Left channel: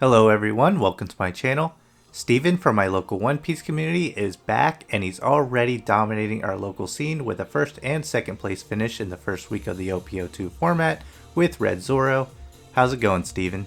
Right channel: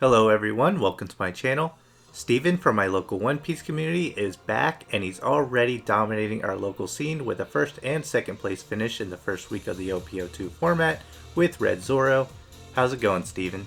Hello everyone, welcome to my channel. Steven from my local One Piece community is back and he's already dominating our local scene with a first and second place finish in the first week of the OP02 format with Red Zoro. How's it going, Steven?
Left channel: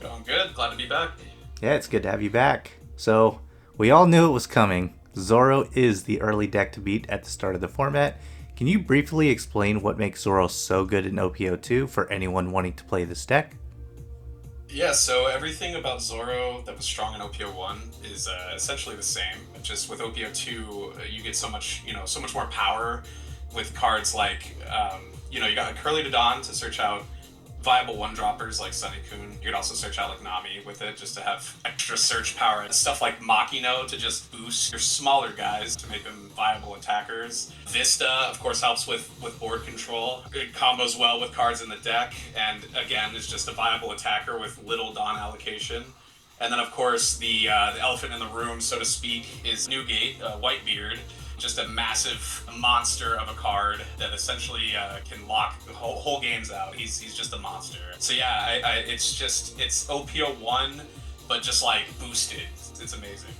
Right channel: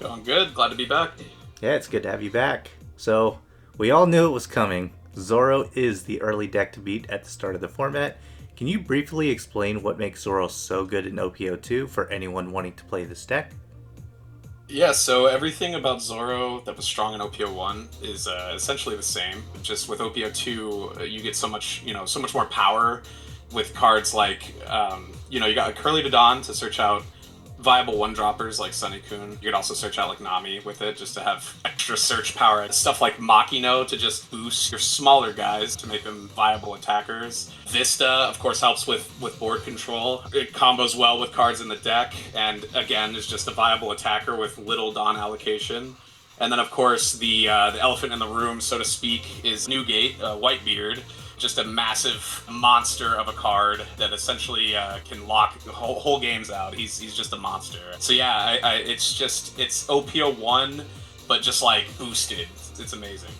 Going good, glad to be back. Yeah, it's good to have you back. So, we all knew it was coming. Zoro is the early deck to beat at the start of the format. Can you briefly explain what makes Zoro so good in OP02 for anyone wanting to play this deck? Yeah, so everything about Zoro that was strong in OP01 is essentially the same. Just with OP02, you get so much, so much more power with cards like, you got Curly to Dawn to search out viable one-droppers like Sunny-kun. You could also search out like Namie with it just to have extra search power. Stuff like Makino to just boost your smaller guys to make them viable attackers. Vista, of course, helps with board control. It combos well with cards in the deck, and again, is just a viable attacker with little Dawn allocation. And then, of course, the elephant in the room, so to speak, is Newgate, Whitebeard. Just a massive monster of a card that essentially can lock whole games out. He's just a monster. So yeah, it's OP01, but just like boosted. It's amazing.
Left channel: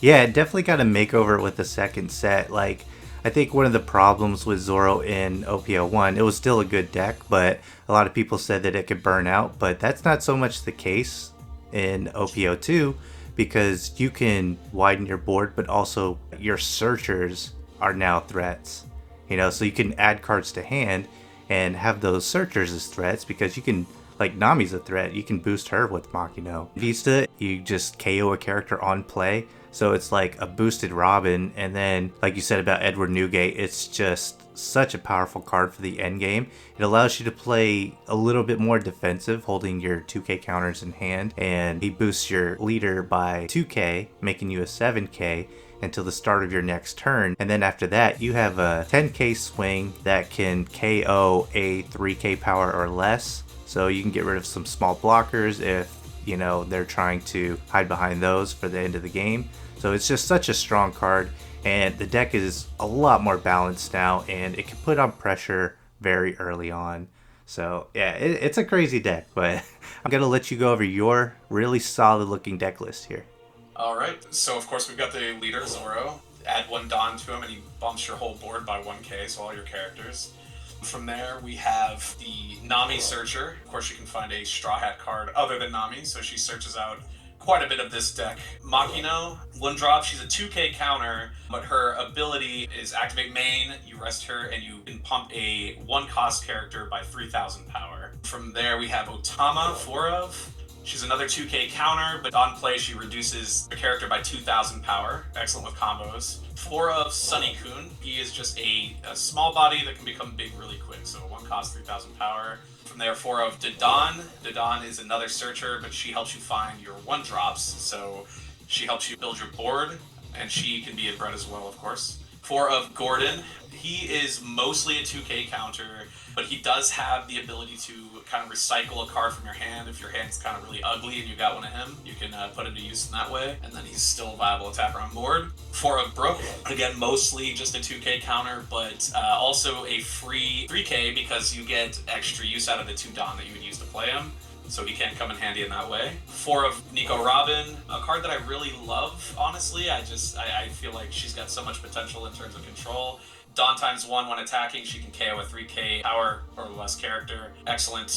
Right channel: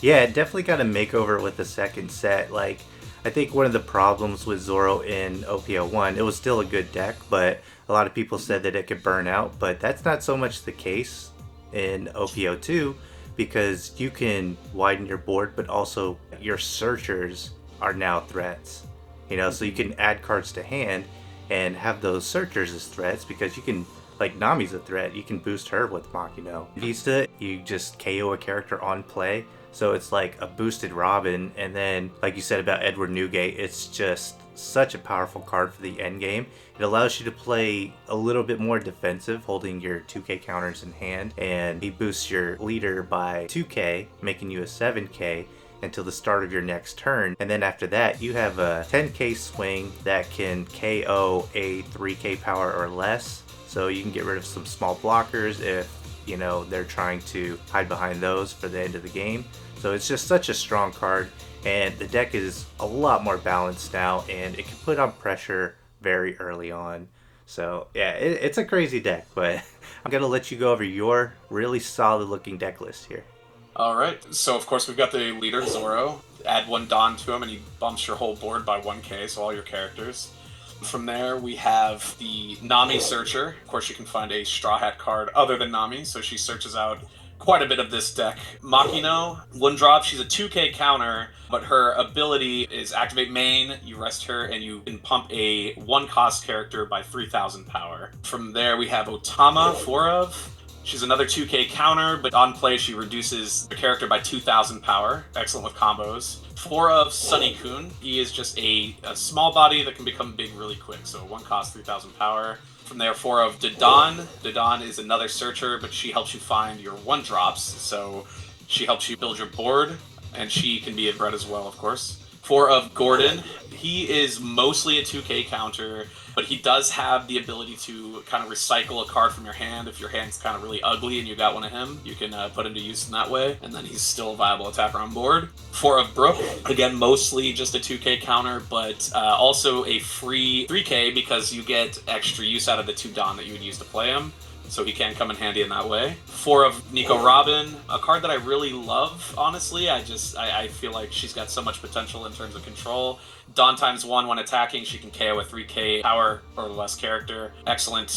Yeah, it definitely got a makeover with the second set. Like, I think one of the problems with Zoro in OP01, it was still a good deck, but a lot of people said that it could burn out, but that's not so much the case in OP02 because you can widen your board, but also your searchers are now threats. So you can add cards to hand and have those searchers as threats because you can, like Nami's a threat, you can boost her with Makino. Vista, you just KO a character on play, so it's like a boosted Robin, and then, like you said about Edward Newgate, it's just such a powerful card for the end game. It allows you to play a little bit more defensive, holding your 2k counters in hand, and he boosts your leader by 2k, making you a 7k until the start of your next turn. And then after that, you have a 10k swing that can KO a 3k power or less. So you can get rid of some small blockers if, they're trying to hide behind those for the end of the game. So it's just such a strong card. And the deck is a lot more balanced now, and it can put on pressure very early on. So yeah, it's a crazy deck, but I'm going to let you go over your really solid looking deck list here. Alright, so of course we've got the leader, Zoro. Add one Dawn to him and he bumps your whole board by 1k, so all your characters. From there, we have the Namie Searcher. Of course, you can find a Straw Hat card other than Namie, so she searches out quite a bit of this deck. Makino, one drop, she's a 2k counter, but her ability is activate main, you rest her, and you can pump a 1-cost character by 3,000 power. From there, we have Otama, 4 of. She's another 2k counter, but on play she reduces the character by 2,000 power. Excellent with combos. 4 of Sunny-kun. He is just a small body that can become big really quick, so 1 cost, 3,000 power. From there, 4 of Dadan. Dadan is another searcher, but she helps you find your 1-drops, so she helps you build your board, and she can be a threat as well, of course. 4 of Gordon. He is mostly a 2k counter, but he does have the ability to kind of recycle a card from your hand. If your hand's kind of really ugly and you got one of him, you can put him to use in that way, and then he's still a viable attacker on board. 4 of Brook, again, mostly just a 2k counter, but also a free 3k because you get extra use out of the 2 Dawn that you would use to play him. So he can come in handy in that way. 4 of Nico Robin, a card that I really love, honestly. I feel like she's got so much potential in terms of control. Dawn times 1 when attacking, she can KO a 3k power or less character. Excellent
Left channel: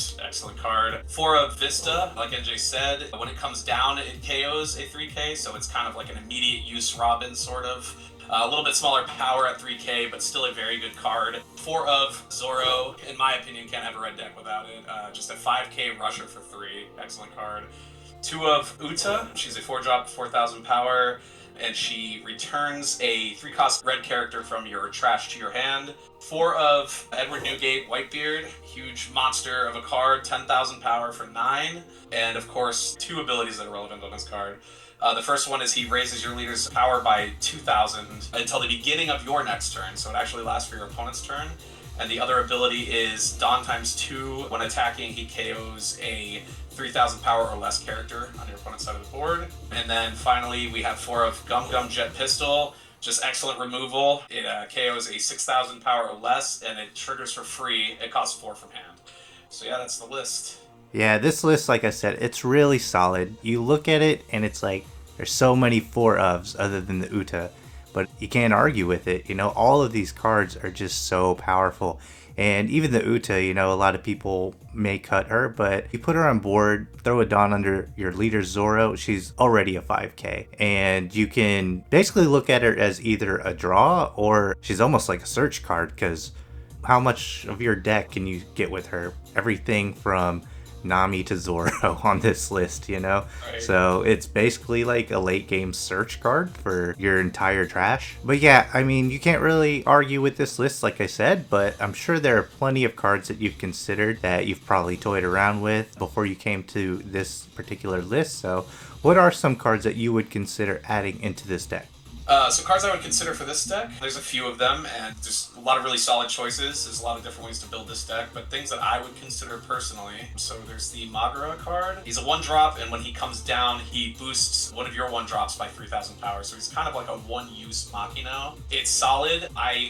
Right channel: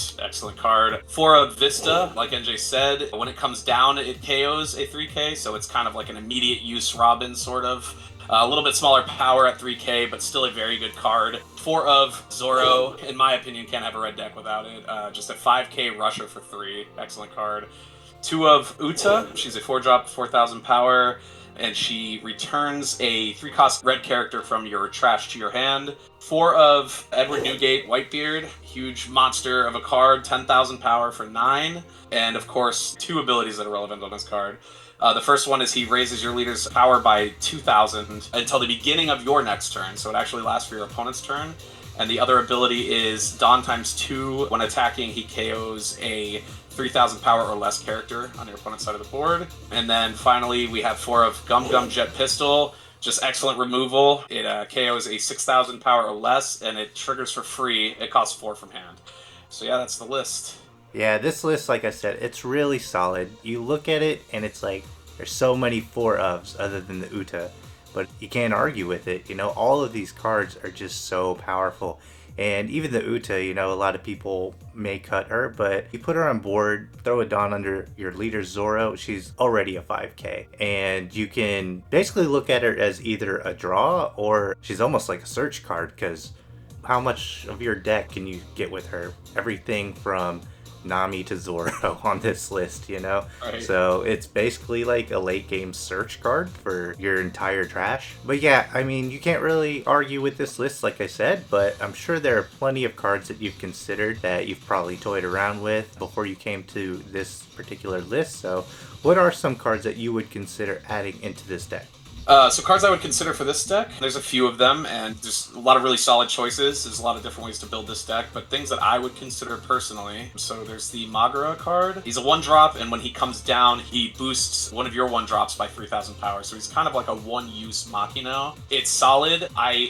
card. 4 of Vista, like NJ said, when it comes down, it KOs a 3k, so it's kind of like an immediate use Robin, sort of. A little bit smaller power at 3k, but still a very good card. 4 of Zoro, in my opinion, can't have a red deck without it. Just a 5k rusher for 3, excellent card. 2 of Uta, she's a 4-drop, 4,000 power, and she returns a 3-cost red character from your trash to your hand. 4 of Edward Newgate, Whitebeard, huge monster of a card, 10,000 power for 9, and of course 2 abilities that are relevant on this card. The first one is he raises your leader's power by 2,000 until the beginning of your next turn, so it actually lasts for your opponent's turn. And the other ability is Dawn times 2. When attacking, he KOs a 3,000 power or less character on your opponent's side of the board. And then finally, we have 4 of Gum Gum Jet Pistol. Just excellent removal. It KOs a 6,000 power or less, and it triggers for free. It costs 4 from hand. So yeah, that's the list. Yeah, this list, like I said, it's really solid. You look at it and it's like there's so many four ofs other than the Uta, but you can't argue with it. You know, all of these cards are just so powerful. And even the Uta, you know, a lot of people may cut her, but you put her on board, throw a Dawn under your leader Zoro, she's already a 5k. And you can basically look at her as either a draw or she's almost like a search card because how much of your deck can you get with her? Everything from Namie to Zoro on this list, you know? Right. So it's basically like a late game search card for your entire trash. But yeah, I mean, you can't really argue with this list, like I said, but I'm sure there are plenty of cards that you've considered that you've probably toyed around with before you came to this particular list. So what are some cards that you would consider adding into this deck? So cards I would consider for this deck, there's a few of them, and there's a lot of really solid choices. There's a lot of different ways to build this deck, but things that I would consider personally. So there's the Magura card. He's a 1-drop, and when he comes down, he boosts one of your 1-drops by 3,000 power. So he's kind of like a one-use Machino. It's solid. I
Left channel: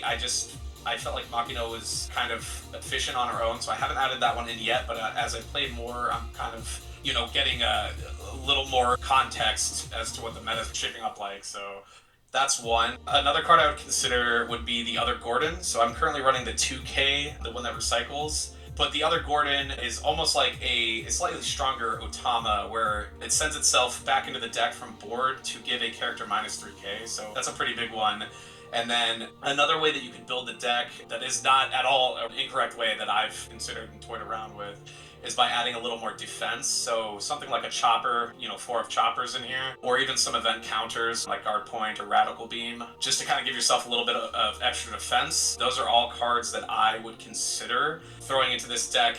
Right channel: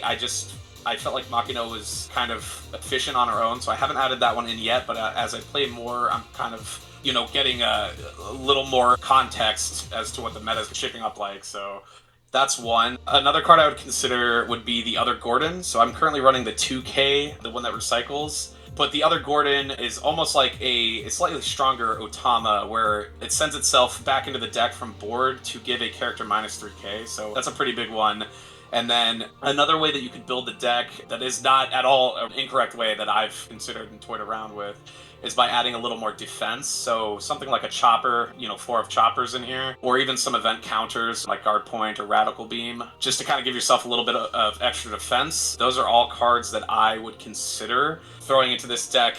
felt like Machino was kind of efficient on her own, so I haven't added that one in yet, but as I play more, I'm kind of, you know, getting a little more context as to what the meta is shaping up like, so that's one. Another card I would consider would be the other Gordon. So I'm currently running the 2K, the one that recycles. But the other Gordon is almost like a slightly stronger Otama, where it sends itself back into the deck from board to give a character minus 3k. So that's a pretty big one. And then another way that you could build the deck that is not at all an incorrect way that I've considered and toyed around with is by adding a little more defense. So something like a chopper, you know, 4 of choppers in here, or even some event counters like guard point or radical beam, just to kind of give yourself a little bit of extra defense. Those are all cards that I would consider throwing into this deck,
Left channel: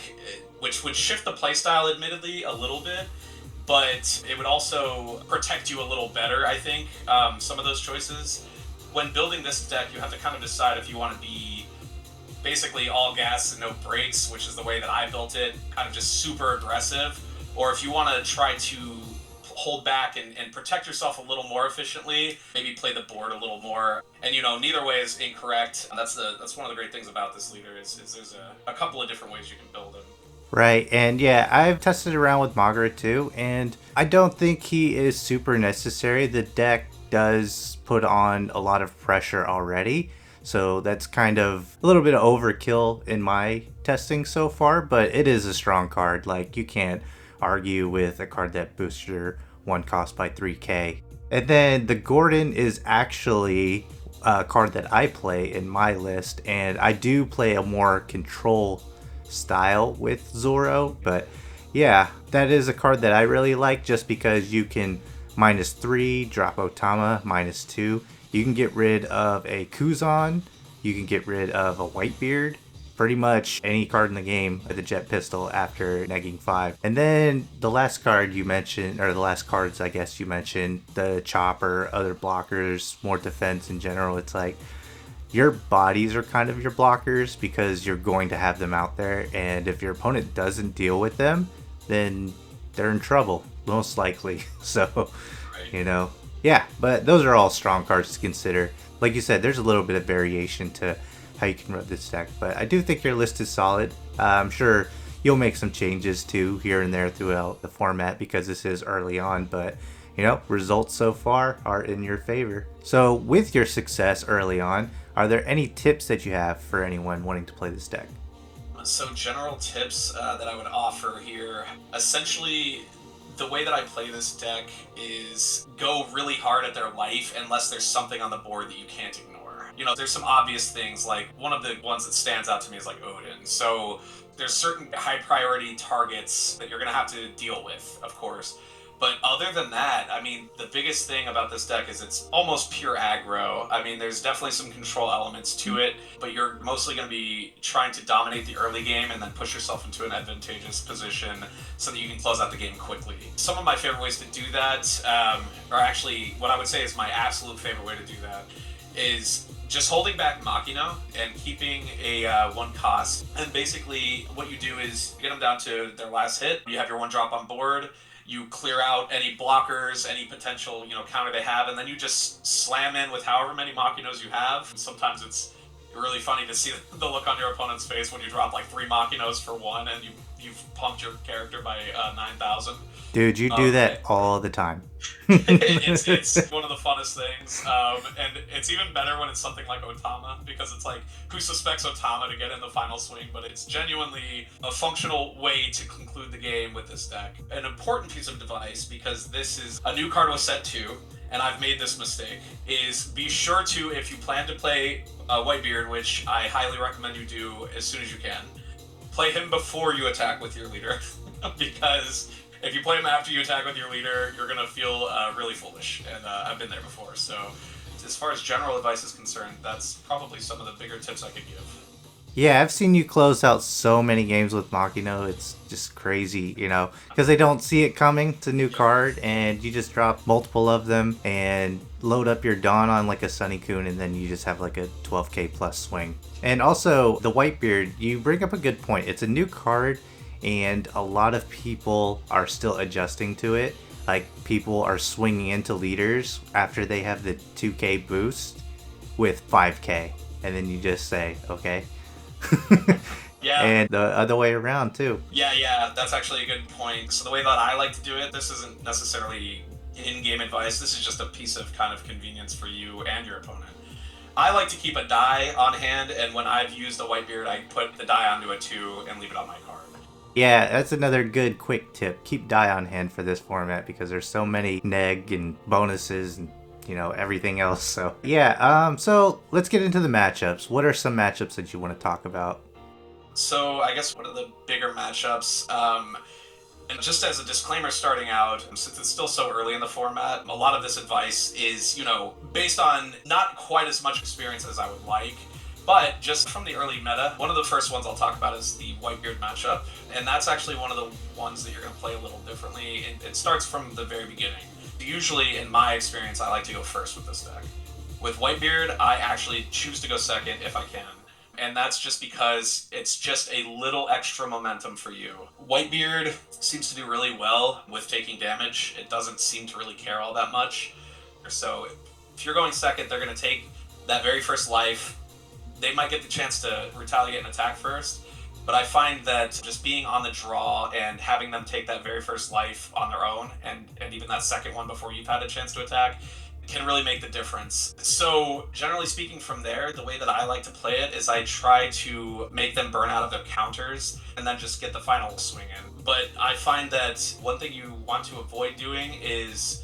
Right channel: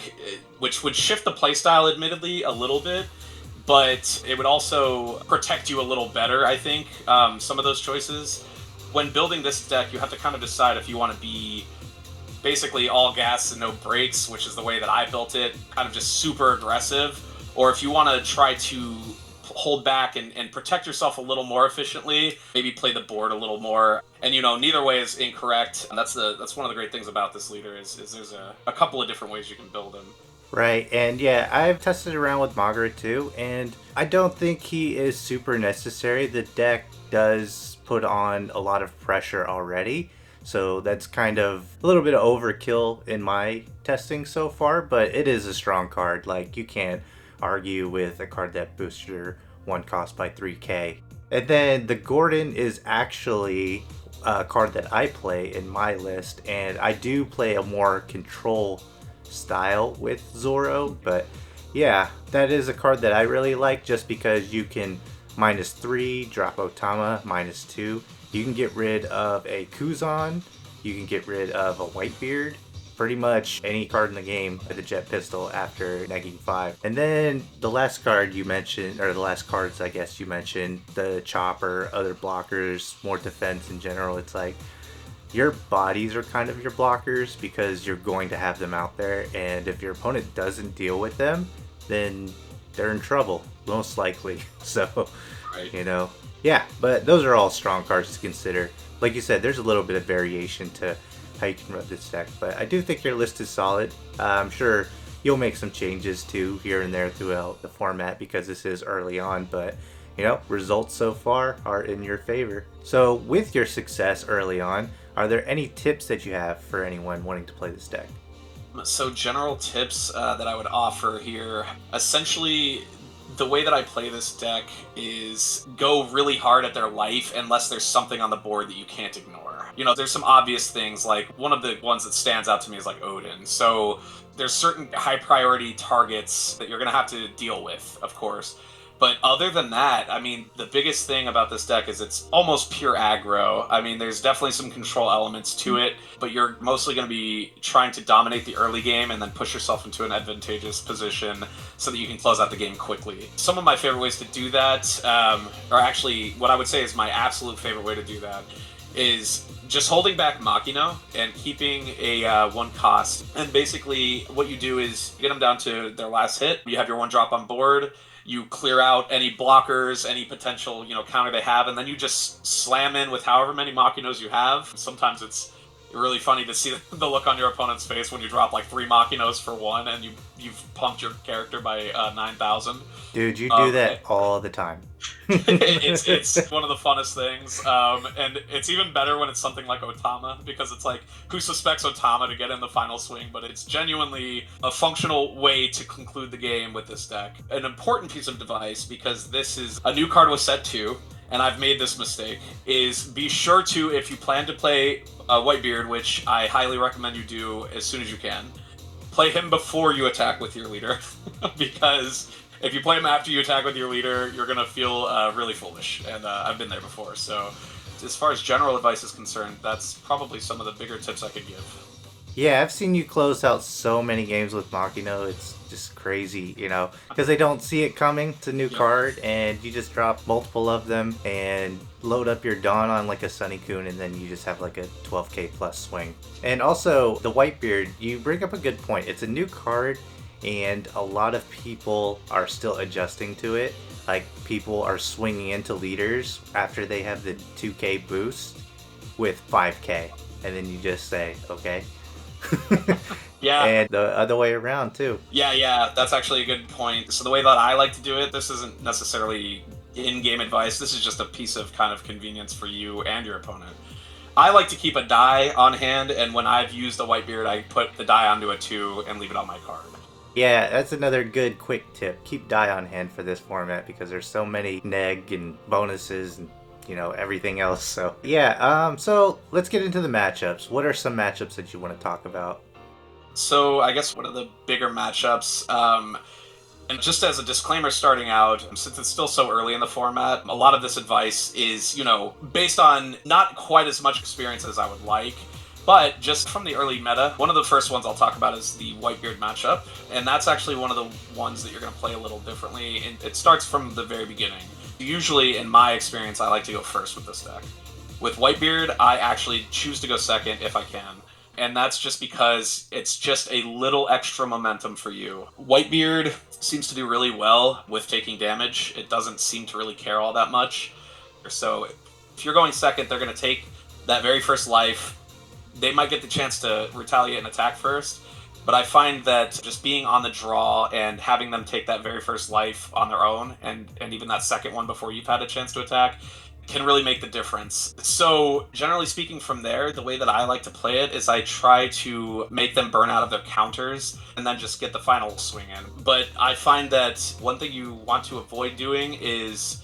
which would shift the playstyle admittedly a little bit, but it would also protect you a little better, I think, some of those choices. When building this deck, you have to kind of decide if you want to be basically all gas and no brakes, which is the way that I built it, kind of just super aggressive, or if you want to try to hold back and protect yourself a little more efficiently, maybe play the board a little more. And, you know, neither way is incorrect. And that's one of the great things about this leader is there's a couple of different ways you can build him. Right, and yeah, I've tested around with Magura too, and I don't think he is super necessary. The deck does put on a lot of pressure already, so that's kind of a little bit of overkill in my testing so far, but it is a strong card. Like, you can't argue with a card that boosts your 1 cost by 3k. And then the Gordon is actually a card that I play in my list, and I do play a more control style with Zoro, but yeah, that is a card that I really like just because you can -3, drop Otama, -2. You can get rid of a Kuzan, you can get rid of a Whitebeard, pretty much any card in the game with a Jet Pistol after negging 5. And then the last card you mentioned, or the last cards I guess you mentioned, the Chopper, other blockers, more defense in general, it's like your bodies are kind of your blockers because you're going to have them out there, and if your opponent doesn't deal with them, then they're in trouble, most likely. So, Right. you know, yeah, but those are all strong cards to consider. Like you said, there's a little bit of variation to how you can run this deck, but I do think your list is solid. I'm sure you'll make some changes too here and there throughout the format because this is early on, but you know, results so far are in your favor. So with your success early on, are there any tips that you have for anyone wanting to play this deck? So general tips that I would offer here, essentially the way that I play this deck is go really hard at their life unless there's something on the board that you can't ignore. You know, there's some obvious things, like one of the ones that stands out to me is like Odin. So there's certain high priority targets that you're going to have to deal with, of course. But other than that, I mean, the biggest thing about this deck is it's almost pure aggro. I mean, there's definitely some control elements to it, but you're mostly going to be trying to dominate the early game and then push yourself into an advantageous position so that you can close out the game quickly. Some of my favorite ways to do that, or actually what I would say is my absolute favorite way to do that, is just holding back Machina and keeping a 1 cost. And basically what you do is get them down to their last hit. You have your 1 drop on board. You clear out any blockers, any potential, you know, counter they have, and then you just slam in with however many Machinos you have. Sometimes it's really funny to see the look on your opponent's face when you drop like 3 Machinos for 1 and you you've pumped your character by 9,000. Dude, you do that all the time. It's one of the funnest things, and it's even better when it's something like Otama, because it's like, who suspects Otama to get in the final swing? But it's genuinely a functional way to conclude the game with this deck. An important piece of advice, because this is a new card with set 2, and I've made this mistake, is be sure to, if you plan to play Whitebeard, which I highly recommend you do as soon as you can, play him before you attack with your leader, because if you play him after you attack with your leader, you're going to feel really foolish, and I've been there before. So as far as general advice is concerned, that's probably some of the bigger tips I could give. Yeah, I've seen you close out so many games with Makino. It's just crazy, you know, because they don't see it coming. It's a new card, and you just drop multiple of them and load up your Dawn on like a Sunicune, and then you just have like a 12k plus swing. And also, the Whitebeard, you bring up a good point. It's a new card, and a lot of people are still adjusting to it. Like, people are swinging into leaders after they have the 2k boost with 5k, and then you just say, okay. Yeah. And the other way around too. Yeah, that's actually a good point. So the way that I like to do it, this isn't necessarily in-game advice, this is just a piece of kind of convenience for you and your opponent. I like to keep a die on hand, and when I've used the Whitebeard, I put the die onto a 2 and leave it on my card. Yeah, that's another good quick tip. Keep die on hand for this format, because there's so many neg and bonuses and, you know, everything else. So yeah, so let's get into the matchups. What are some matchups that you want to talk about? So I guess one of the bigger matchups, and just as a disclaimer starting out, since it's still so early in the format, a lot of this advice is, you know, based on not quite as much experience as I would like, but just from the early meta. One of the first ones I'll talk about is the Whitebeard matchup, and that's actually one of the ones that you're going to play a little differently. It starts from the very beginning. Usually, in my experience, I like to go first with this deck. With Whitebeard, I actually choose to go second if I can. And that's just because it's just a little extra momentum for you. Whitebeard seems to do really well with taking damage. It doesn't seem to really care all that much. So if you're going second, they're going to take that very first life. They might get the chance to retaliate and attack first. But I find that just being on the draw and having them take that very first life on their own, and even that second one before you've had a chance to attack, can really make the difference. So generally speaking, from there, the way that I like to play it is I try to make them burn out of their counters and then just get the final swing in. But I find that one thing you want to avoid doing is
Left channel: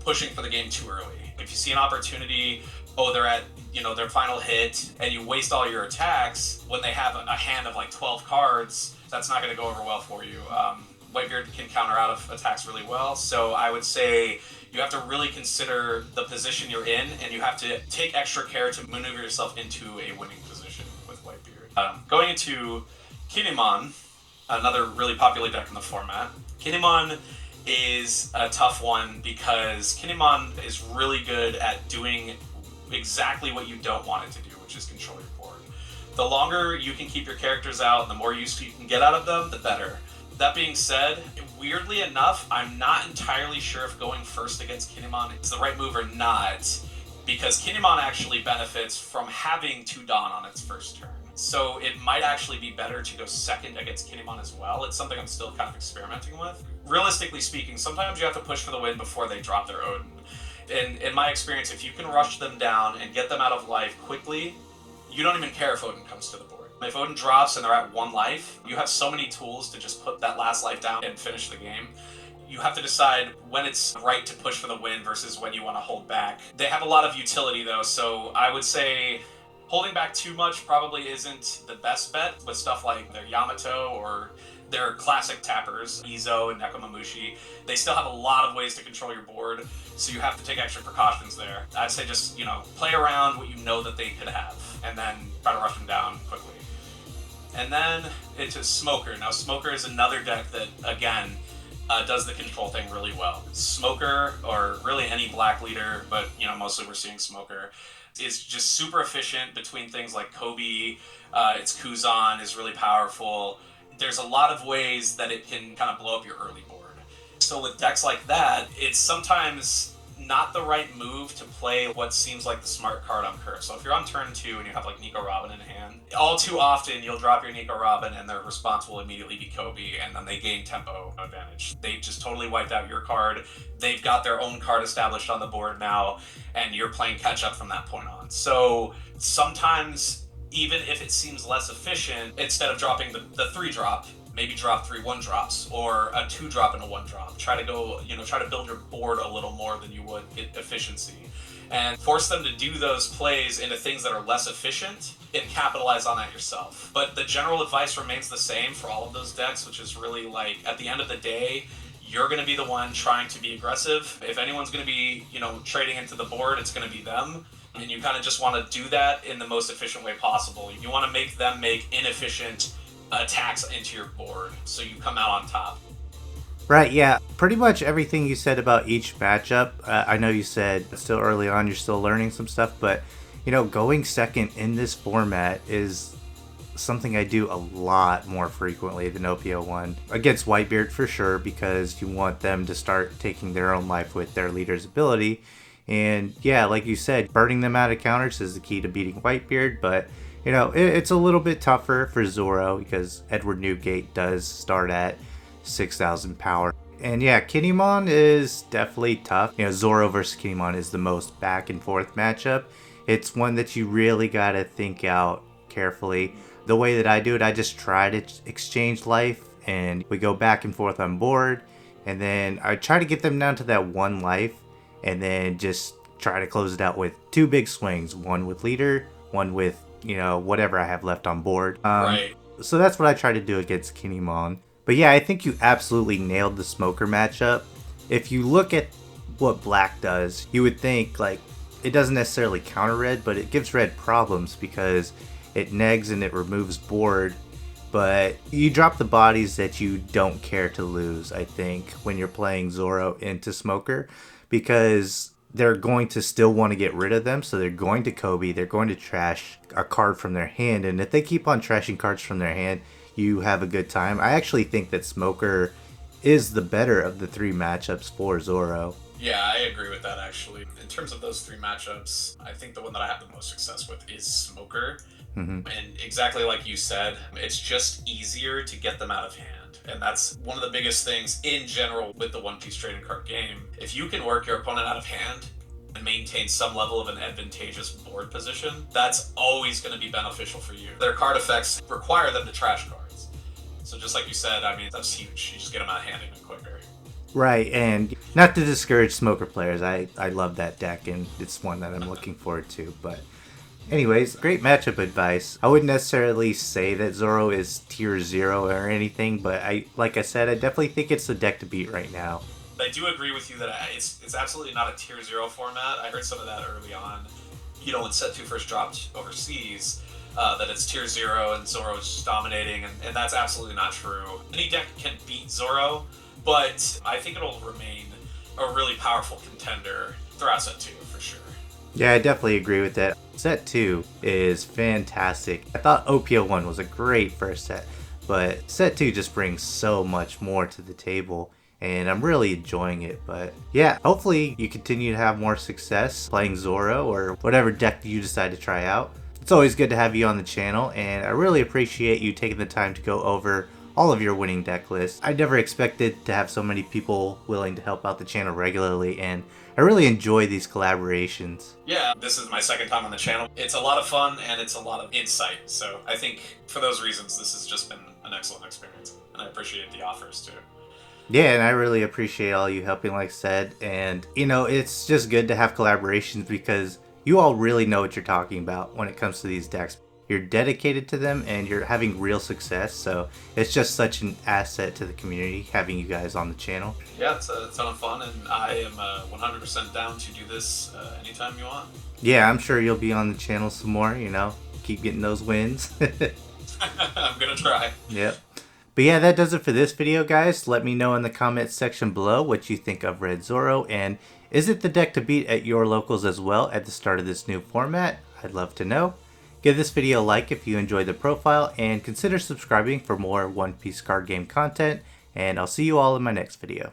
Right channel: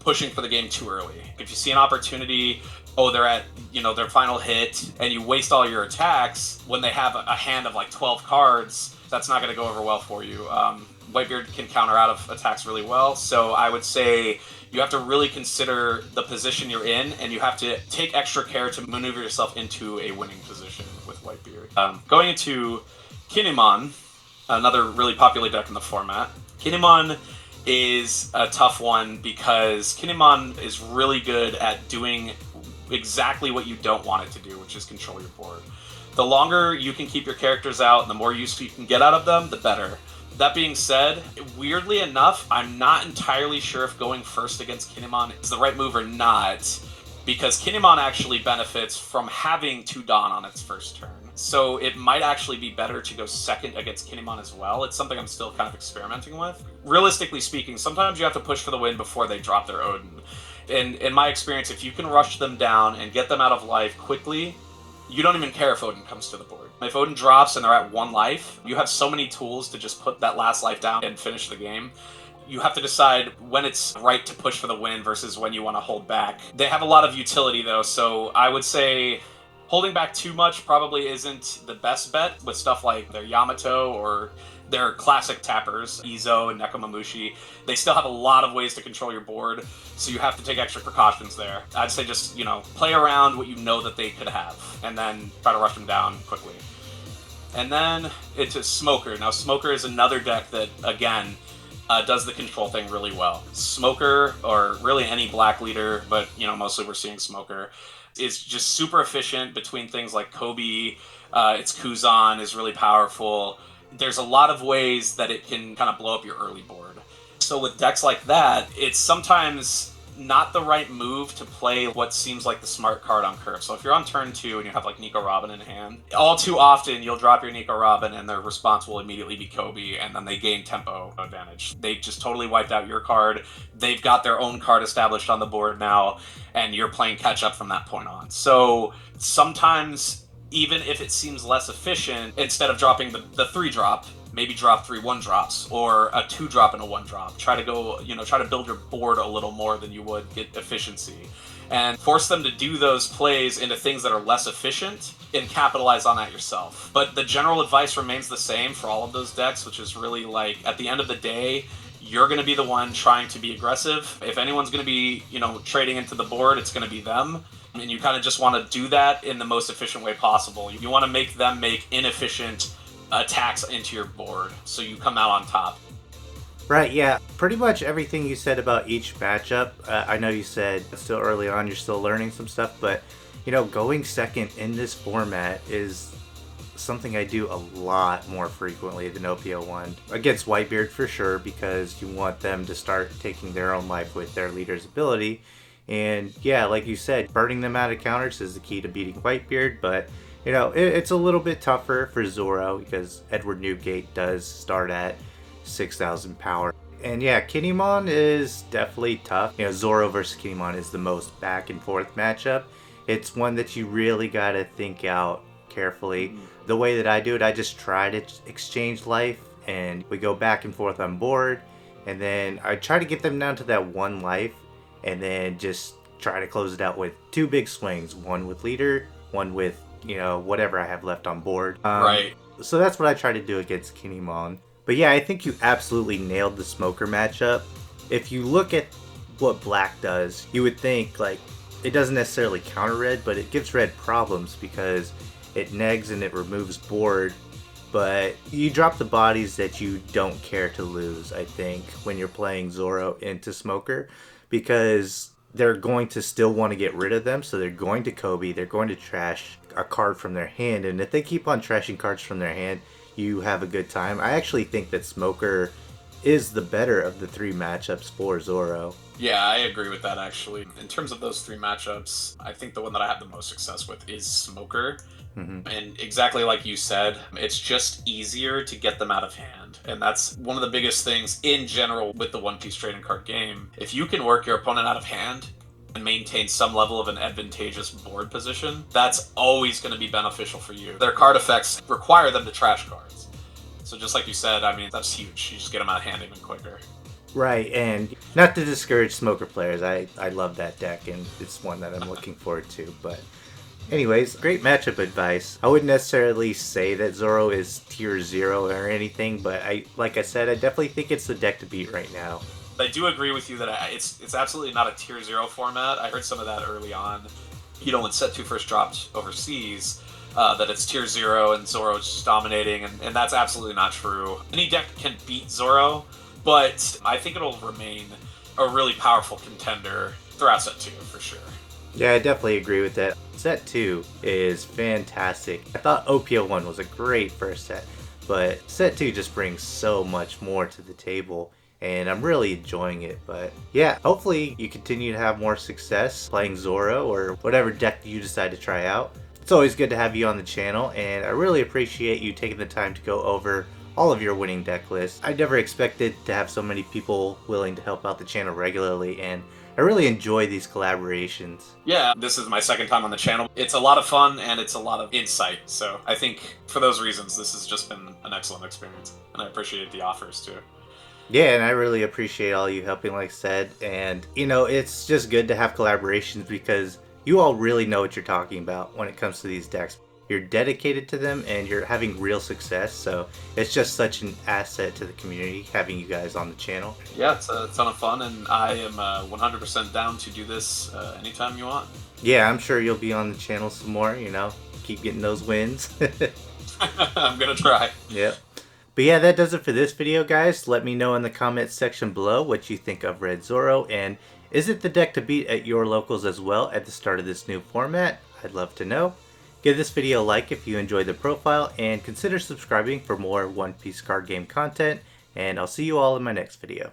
pushing for the game too early. If you see an opportunity, they're at, you know, their final hit, and you waste all your attacks when they have a hand of like 12 cards, that's not going to go over well for you. Whitebeard can counter out of attacks really well, so I would say you have to really consider the position you're in, and you have to take extra care to maneuver yourself into a winning position with Whitebeard. Going into Kinemon, another really popular deck in the format. Kinemon is a tough one because Kinemon is really good at doing exactly what you don't want it to do, which is control your board. The longer you can keep your characters out and the more use you can get out of them, the better. That being said, weirdly enough, I'm not entirely sure if going first against Kinemon is the right move or not, because Kinemon actually benefits from having 2 Dawn on its first turn. So it might actually be better to go second against Kinemon as well. It's something I'm still kind of experimenting with. Realistically speaking, sometimes you have to push for the win before they drop their Odin. And in my experience, if you can rush them down and get them out of life quickly, you don't even care if Odin comes to the board. If Odin drops and they're at 1 life, you have so many tools to just put that last life down and finish the game. You have to decide when it's right to push for the win versus when you want to hold back. They have a lot of utility though, so I would say holding back too much probably isn't the best bet with stuff like their Yamato or their classic tappers, Izo and Nekomamushi. They still have a lot of ways to control your board, so you have to take extra precautions there. I'd say just, you know, play around what you know that they could have, and then try to rush them down quickly. And then into Smoker. Now, Smoker is another deck that, again, does the control thing really well. Smoker, or really any black leader, but, you know, mostly we're seeing Smoker, is just super efficient between things like Kobe, its Kuzan is really powerful. There's a lot of ways that it can kind of blow up your early board. So with decks like that, it's sometimes not the right move to play what seems like the smart card on curve. So if you're on turn 2 and you have like Nico Robin in hand, all too often you'll drop your Nico Robin and their response will immediately be Kobe, and then they gain tempo advantage. They just totally wiped out your card. They've got their own card established on the board now, and you're playing catch up from that point on. So sometimes, even if it seems less efficient, instead of dropping the 3-drop, maybe drop 3 1-drops or a 2-drop and a 1-drop. Try to go, try to build your board a little more than you would get efficiency, and force them to do those plays into things that are less efficient and capitalize on that yourself. But the general advice remains the same for all of those decks, which is really like, at the end of the day, you're going to be the one trying to be aggressive. If anyone's going to be, trading into the board, it's going to be them. And you kind of just want to do that in the most efficient way possible. You want to make them make inefficient attacks into your board so you come out on top. Right, yeah. Pretty much everything you said about each matchup. I know you said still early on you're still learning some stuff, but going second in this format is something I do a lot more frequently than OP01. Against Whitebeard for sure, because you want them to start taking their own life with their leader's ability. And yeah, like you said, burning them out of counters is the key to beating Whitebeard, but it's a little bit tougher for Zoro because Edward Newgate does start at 6,000 power. And yeah, Kinemon is definitely tough. Zoro versus Kinemon is the most back and forth matchup. It's one that you really gotta think out carefully. The way that I do it, I just try to exchange life and we go back and forth on board. And then I try to get them down to that 1 life and then just try to close it out with 2 big swings. One with leader, one with whatever I have left on board. Right. So that's what I try to do against Kinemon. But yeah, I think you absolutely nailed the Smoker matchup. If you look at what Black does, you would think like it doesn't necessarily counter Red, but it gives Red problems because it negs and it removes board. But you drop the bodies that you don't care to lose, I think, when you're playing Zoro into Smoker, because they're going to still want to get rid of them, so they're going to Kobe, they're going to trash a card from their hand, and if they keep on trashing cards from their hand, you have a good time. I actually think that Smoker is the better of the 3 matchups for Zoro. Yeah, I agree with that actually. In terms of those 3 matchups, I think the one that I have the most success with is Smoker. Mm-hmm. And exactly like you said, it's just easier to get them out of hand. And that's one of the biggest things in general with the One Piece trading card game. If you can work your opponent out of hand and maintain some level of an advantageous board position, that's always going to be beneficial for you. Their card effects require them to trash cards. So just like you said, I mean, that's huge. You just get them out of hand even quicker. Right, and not to discourage Smoker players, I love that deck, and it's one that I'm looking forward to, but anyways, great matchup advice. I wouldn't necessarily say that Zoro is tier 0 or anything, but like I said, I definitely think it's the deck to beat right now. I do agree with you that it's absolutely not a tier 0 format. I heard some of that early on, when Set 2 first dropped overseas, that it's tier 0 and Zoro's just dominating, and that's absolutely not true. Any deck can beat Zoro, but I think it'll remain a really powerful contender throughout Set 2 for sure. Yeah, I definitely agree with that. Set 2 is fantastic. I thought OP01 was a great first set, but Set 2 just brings so much more to the table, and I'm really enjoying it. But yeah, hopefully you continue to have more success playing Zoro or whatever deck you decide to try out. It's always good to have you on the channel, and I really appreciate you taking the time to go over all of your winning deck lists. I never expected to have so many people willing to help out the channel regularly, and I really enjoy these collaborations. Yeah, this is my second time on the channel. It's a lot of fun and it's a lot of insight. So I think for those reasons, this has just been an excellent experience. And I appreciate the offers too. Yeah, and I really appreciate all you helping, like I said. And, it's just good to have collaborations because you all really know what you're talking about when it comes to these decks. You're dedicated to them and you're having real success, so it's just such an asset to the community having you guys on the channel. Yeah, it's a ton of fun, and I am 100% down to do this anytime you want. Yeah, I'm sure you'll be on the channel some more, keep getting those wins. I'm gonna try. Yep. But yeah, that does it for this video, guys. Let me know in the comments section below what you think of Red Zoro, and is it the deck to beat at your locals as well at the start of this new format? I'd love to know. Give this video a like if you enjoyed the profile, and consider subscribing for more One Piece card game content, and I'll see you all in my next video.